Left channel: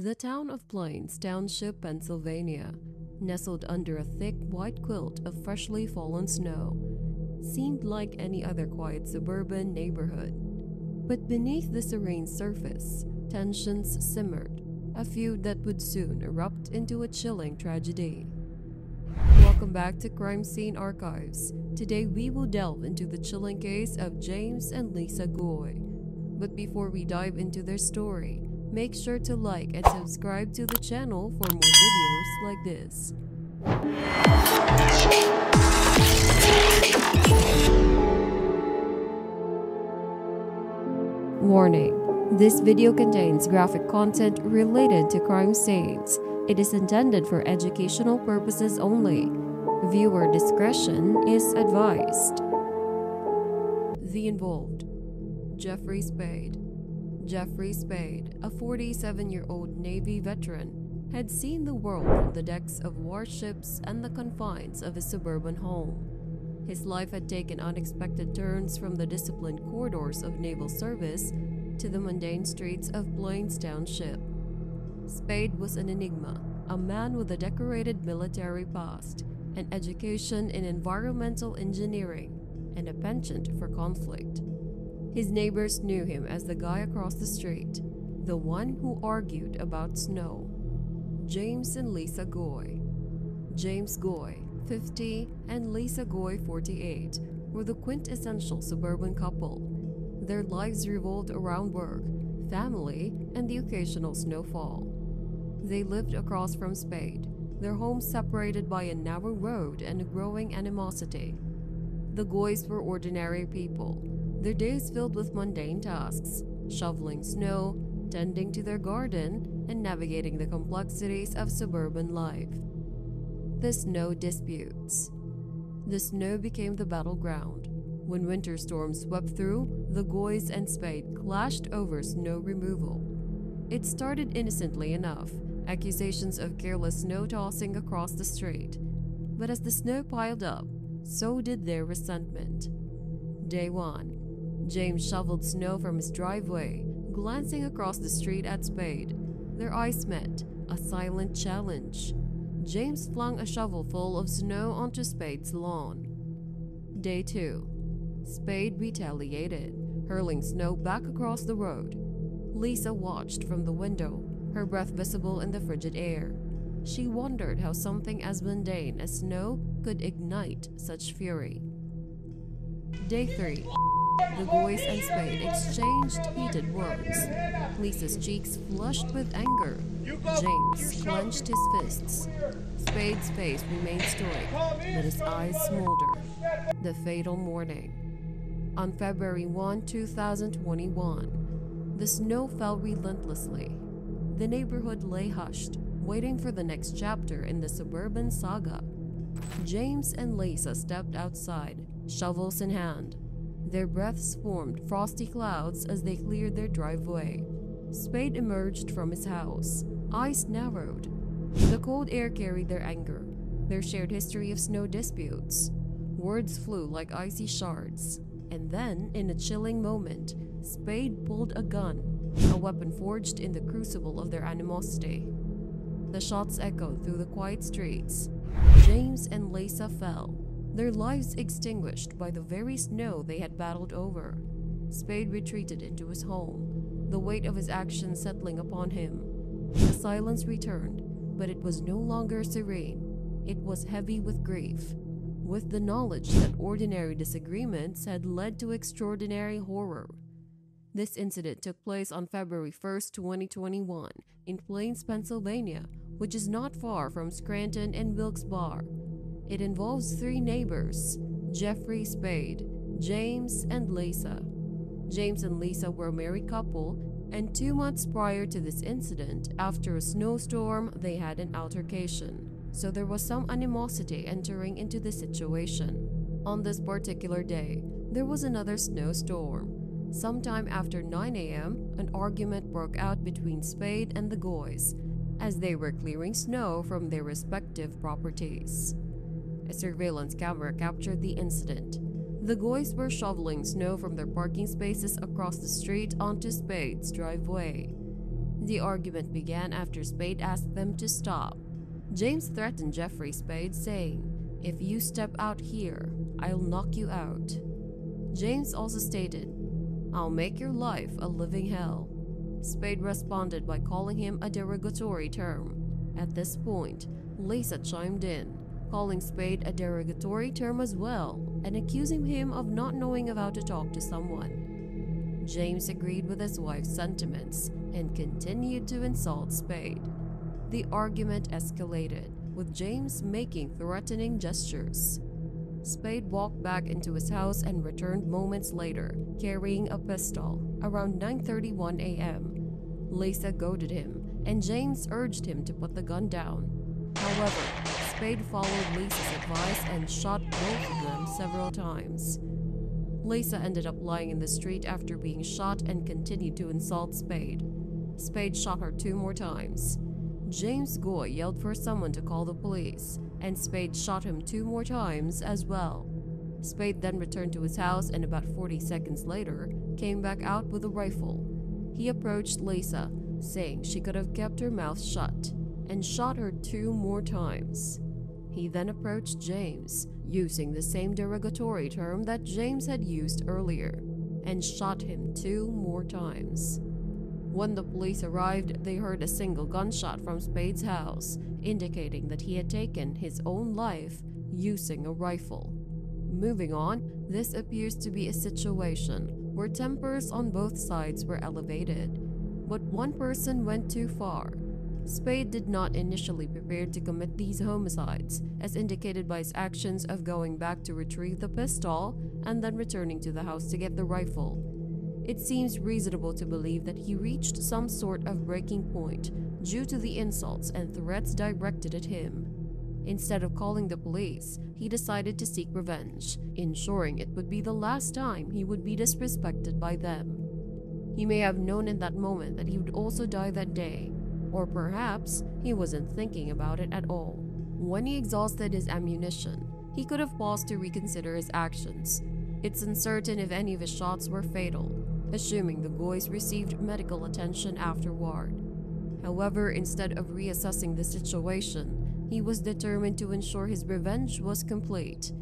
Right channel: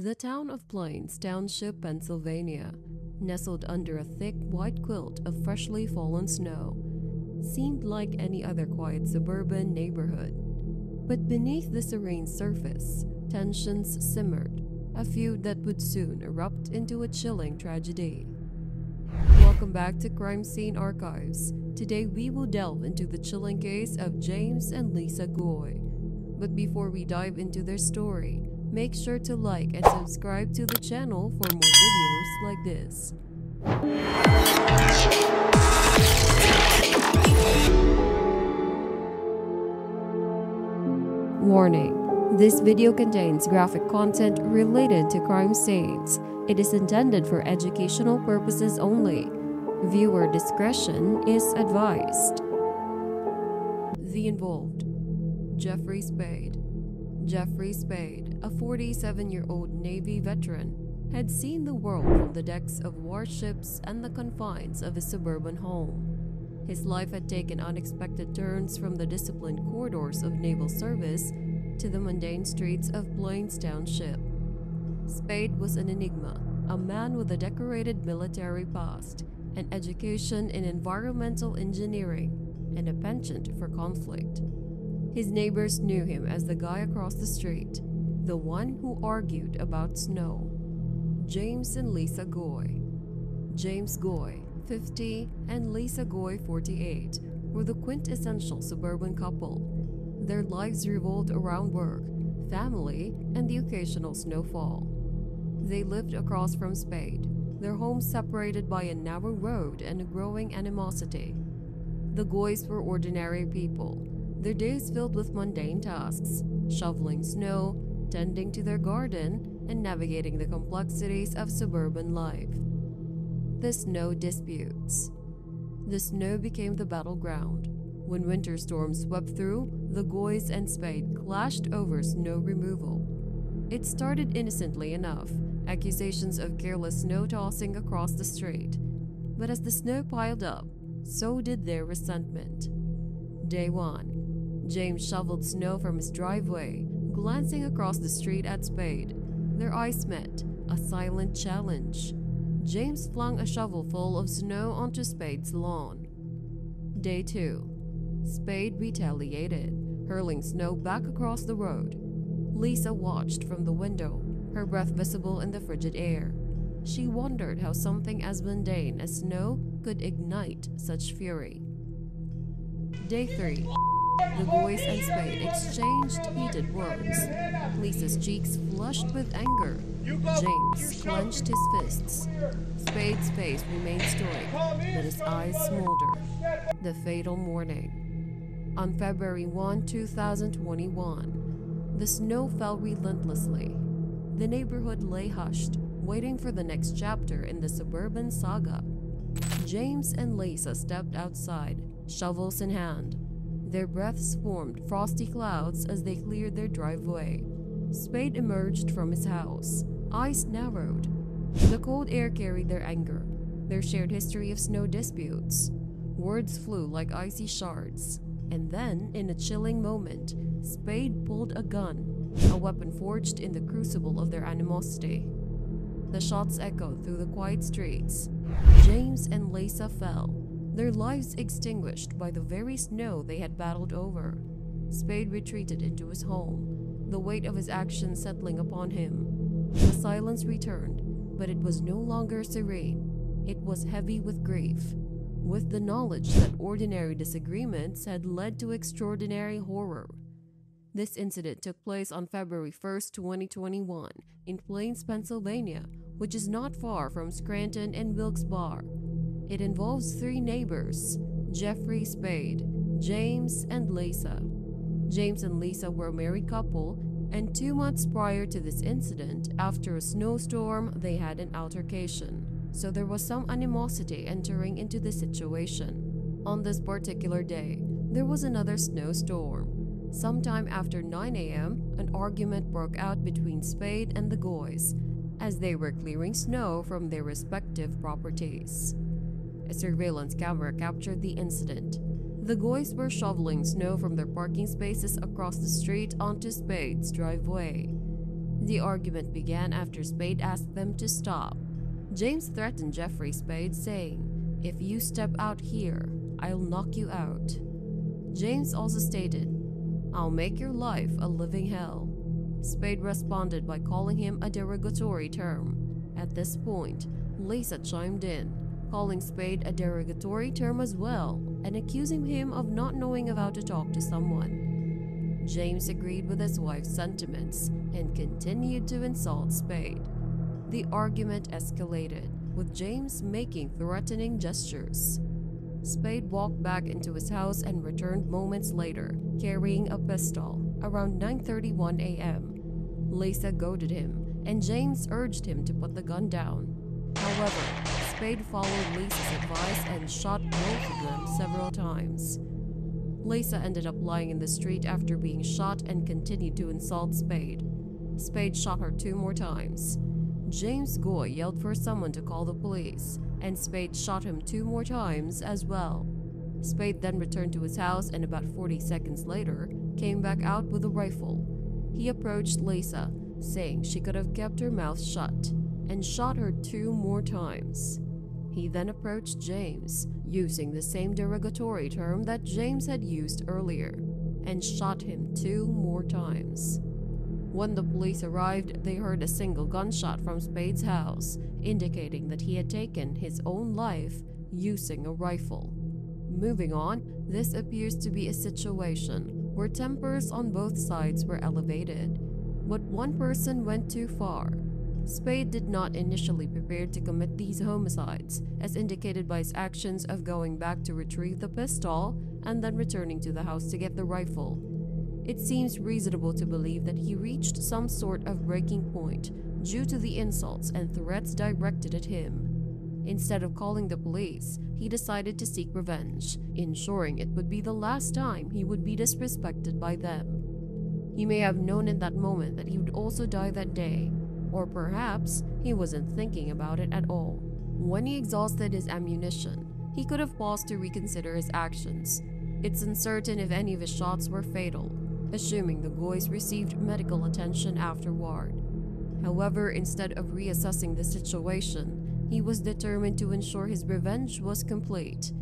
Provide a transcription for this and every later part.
The town of Plains Township, Pennsylvania, nestled under a thick white quilt of freshly fallen snow, seemed like any other quiet suburban neighborhood. But beneath the serene surface, tensions simmered, a feud that would soon erupt into a chilling tragedy. Welcome back to Crime Scene Archives. Today we will delve into the chilling case of James and Lisa Goy. But before we dive into their story, make sure to like and subscribe to the channel for more videos like this. Warning: this video contains graphic content related to crime scenes. It is intended for educational purposes only. Viewer discretion is advised. The involved: Jeffrey Spaide. Jeffrey Spaide, a 47-year-old Navy veteran, had seen the world from the decks of warships and the confines of his suburban home. His life had taken unexpected turns from the disciplined corridors of naval service to the mundane streets of Plains Township. Spaide was an enigma, a man with a decorated military past, an education in environmental engineering, and a penchant for conflict. His neighbors knew him as the guy across the street, the one who argued about snow. James and Lisa Goy. James Goy, 50, and Lisa Goy, 48, were the quintessential suburban couple. Their lives revolved around work, family, and the occasional snowfall. They lived across from Spaide, their home separated by a narrow road and a growing animosity. The Goys were ordinary people, their days filled with mundane tasks, shoveling snow, tending to their garden, and navigating the complexities of suburban life. The snow disputes. The snow became the battleground. When winter storms swept through, the Goys and Spaide clashed over snow removal. It started innocently enough, accusations of careless snow tossing across the street. But as the snow piled up, so did their resentment. Day 1. James shoveled snow from his driveway, glancing across the street at Spaide. Their eyes met, a silent challenge. James flung a shovelful of snow onto Spaide's lawn. Day 2. Spaide retaliated, hurling snow back across the road. Lisa watched from the window, her breath visible in the frigid air. She wondered how something as mundane as snow could ignite such fury. Day 3. The Goys and Spaide exchanged heated words. Lisa's cheeks flushed with anger. James clenched his fists. Spaide's face remained stoic, but his eyes smoldered. The fatal morning. On February 1, 2021, the snow fell relentlessly. The neighborhood lay hushed, waiting for the next chapter in the suburban saga. James and Lisa stepped outside, shovels in hand. Their breaths formed frosty clouds as they cleared their driveway. Spaide emerged from his house, eyes narrowed. The cold air carried their anger, their shared history of snow disputes. Words flew like icy shards. And then, in a chilling moment, Spaide pulled a gun, a weapon forged in the crucible of their animosity. The shots echoed through the quiet streets. James and Lisa fell, their lives extinguished by the very snow they had battled over. Spaide retreated into his home, the weight of his actions settling upon him. The silence returned, but it was no longer serene. It was heavy with grief, with the knowledge that ordinary disagreements had led to extraordinary horror. This incident took place on February 1st, 2021, in Plains, Pennsylvania, which is not far from Scranton and Wilkes-Barre. It involves 3 neighbors: Jeffrey Spaide, James, and Lisa. James and Lisa were a married couple, and 2 months prior to this incident, after a snowstorm, they had an altercation. So there was some animosity entering into the situation. On this particular day, there was another snowstorm. Sometime after 9 a.m., an argument broke out between Spaide and the Goys as they were clearing snow from their respective properties. A surveillance camera captured the incident. The Goys were shoveling snow from their parking spaces across the street onto Spaide's driveway. The argument began after Spaide asked them to stop. James threatened Jeffrey Spaide, saying, "If you step out here, I'll knock you out." James also stated, "I'll make your life a living hell." Spaide responded by calling him a derogatory term. At this point, Lisa chimed in, calling Spaide a derogatory term as well and accusing him of not knowing how to talk to someone. James agreed with his wife's sentiments and continued to insult Spaide. The argument escalated, with James making threatening gestures. Spaide walked back into his house and returned moments later, carrying a pistol, around 9:31 a.m. Lisa goaded him, and James urged him to put the gun down. However, Spaide followed Lisa's advice and shot both of them several times. Lisa ended up lying in the street after being shot and continued to insult Spaide. Spaide shot her 2 more times. James Goy yelled for someone to call the police, and Spaide shot him 2 more times as well. Spaide then returned to his house and about 40 seconds later came back out with a rifle. He approached Lisa, saying she could have kept her mouth shut, and shot her 2 more times. He then approached James, using the same derogatory term that James had used earlier, and shot him 2 more times. When the police arrived, they heard a single gunshot from Spaide's house, indicating that he had taken his own life using a rifle. Moving on, this appears to be a situation where tempers on both sides were elevated, but one person went too far. Spaide did not initially prepare to commit these homicides, as indicated by his actions of going back to retrieve the pistol and then returning to the house to get the rifle. It seems reasonable to believe that he reached some sort of breaking point due to the insults and threats directed at him. Instead of calling the police, he decided to seek revenge, ensuring it would be the last time he would be disrespected by them. He may have known in that moment that he would also die that day, or perhaps he wasn't thinking about it at all. When he exhausted his ammunition, he could have paused to reconsider his actions. It's uncertain if any of his shots were fatal, assuming the Goys received medical attention afterward. However, instead of reassessing the situation, he was determined to ensure his revenge was complete.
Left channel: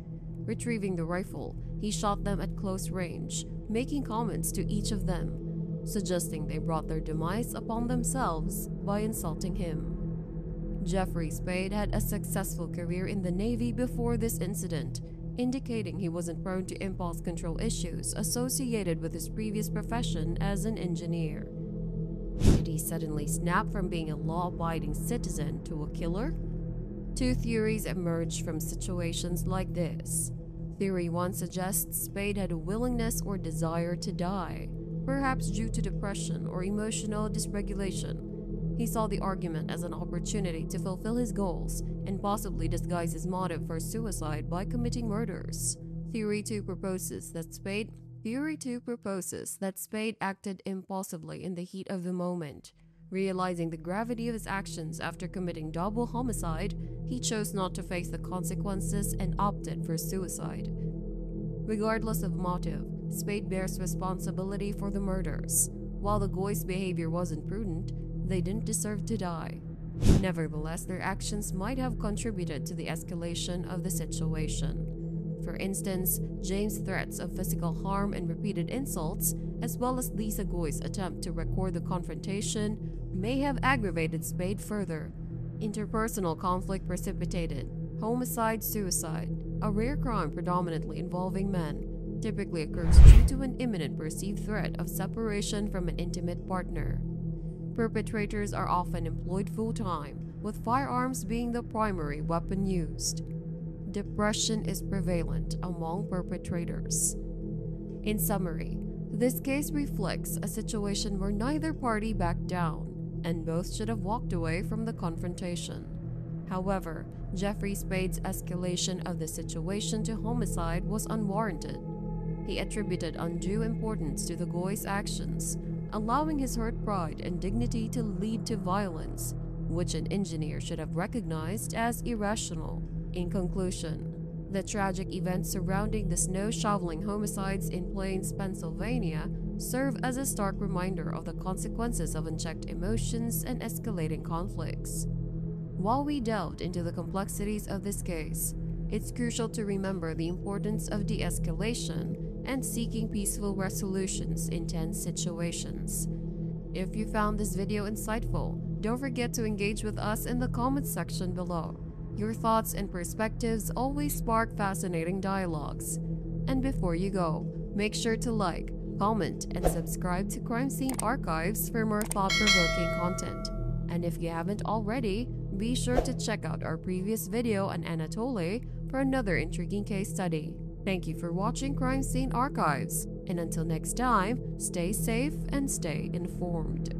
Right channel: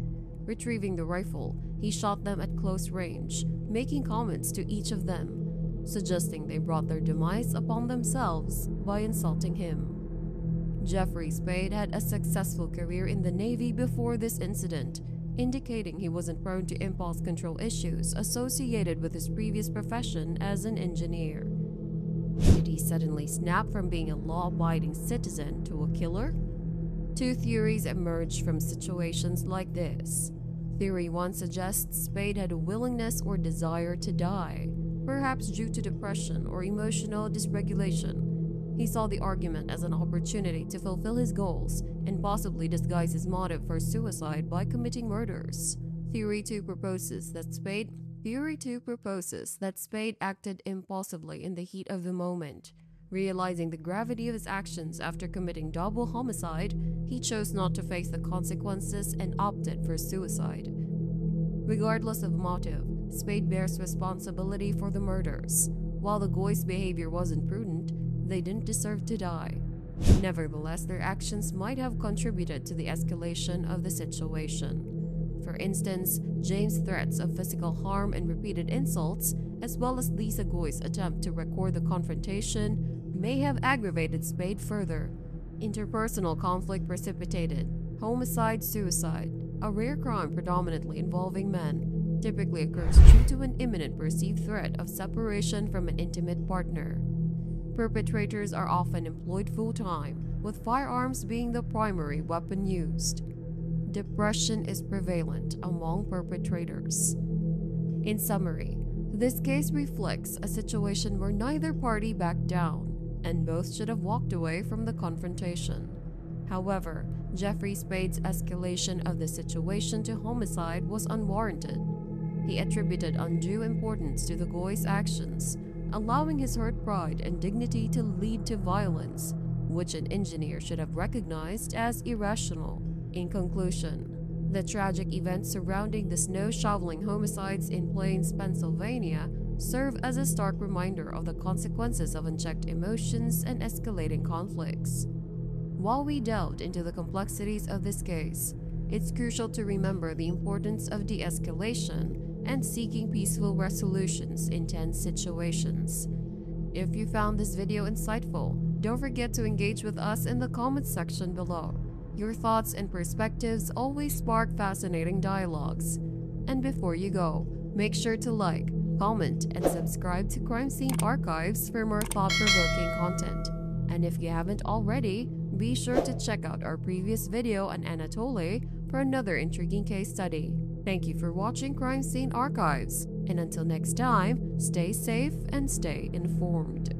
Retrieving the rifle, he shot them at close range, making comments to each of them, suggesting they brought their demise upon themselves by insulting him. Jeffrey Spaide had a successful career in the Navy before this incident, indicating he wasn't prone to impulse control issues associated with his previous profession as an engineer. Did he suddenly snap from being a law-abiding citizen to a killer? 2 theories emerged from situations like this. Theory 1 suggests Spaide had a willingness or desire to die, perhaps due to depression or emotional dysregulation. He saw the argument as an opportunity to fulfill his goals and possibly disguise his motive for suicide by committing murders. Theory 2 proposes that Spaide acted impulsively in the heat of the moment. Realizing the gravity of his actions after committing double homicide, he chose not to face the consequences and opted for suicide. Regardless of motive, Spaide bears responsibility for the murders. While the Goys' behavior wasn't prudent, they didn't deserve to die. Nevertheless, their actions might have contributed to the escalation of the situation. For instance, James' threats of physical harm and repeated insults, as well as Lisa Goy's attempt to record the confrontation, may have aggravated Spaide further. Interpersonal conflict precipitated homicide-suicide, a rare crime predominantly involving men, typically occurs due to an imminent perceived threat of separation from an intimate partner. Perpetrators are often employed full-time, with firearms being the primary weapon used. Depression is prevalent among perpetrators. In summary, this case reflects a situation where neither party backed down, and both should have walked away from the confrontation. However, Jeffrey Spaide's escalation of the situation to homicide was unwarranted. He attributed undue importance to the Goys' actions, allowing his hurt pride and dignity to lead to violence, which an engineer should have recognized as irrational. In conclusion, the tragic events surrounding the snow shoveling homicides in Plains, Pennsylvania serve as a stark reminder of the consequences of unchecked emotions and escalating conflicts. While we delved into the complexities of this case, it's crucial to remember the importance of de-escalation and seeking peaceful resolutions in tense situations. If you found this video insightful, don't forget to engage with us in the comments section below. Your thoughts and perspectives always spark fascinating dialogues. And before you go, make sure to like, comment, and subscribe to Crime Scene Archives for more thought-provoking content. And if you haven't already, be sure to check out our previous video on Anatoly for another intriguing case study. Thank you for watching Crime Scene Archives, and until next time, stay safe and stay informed.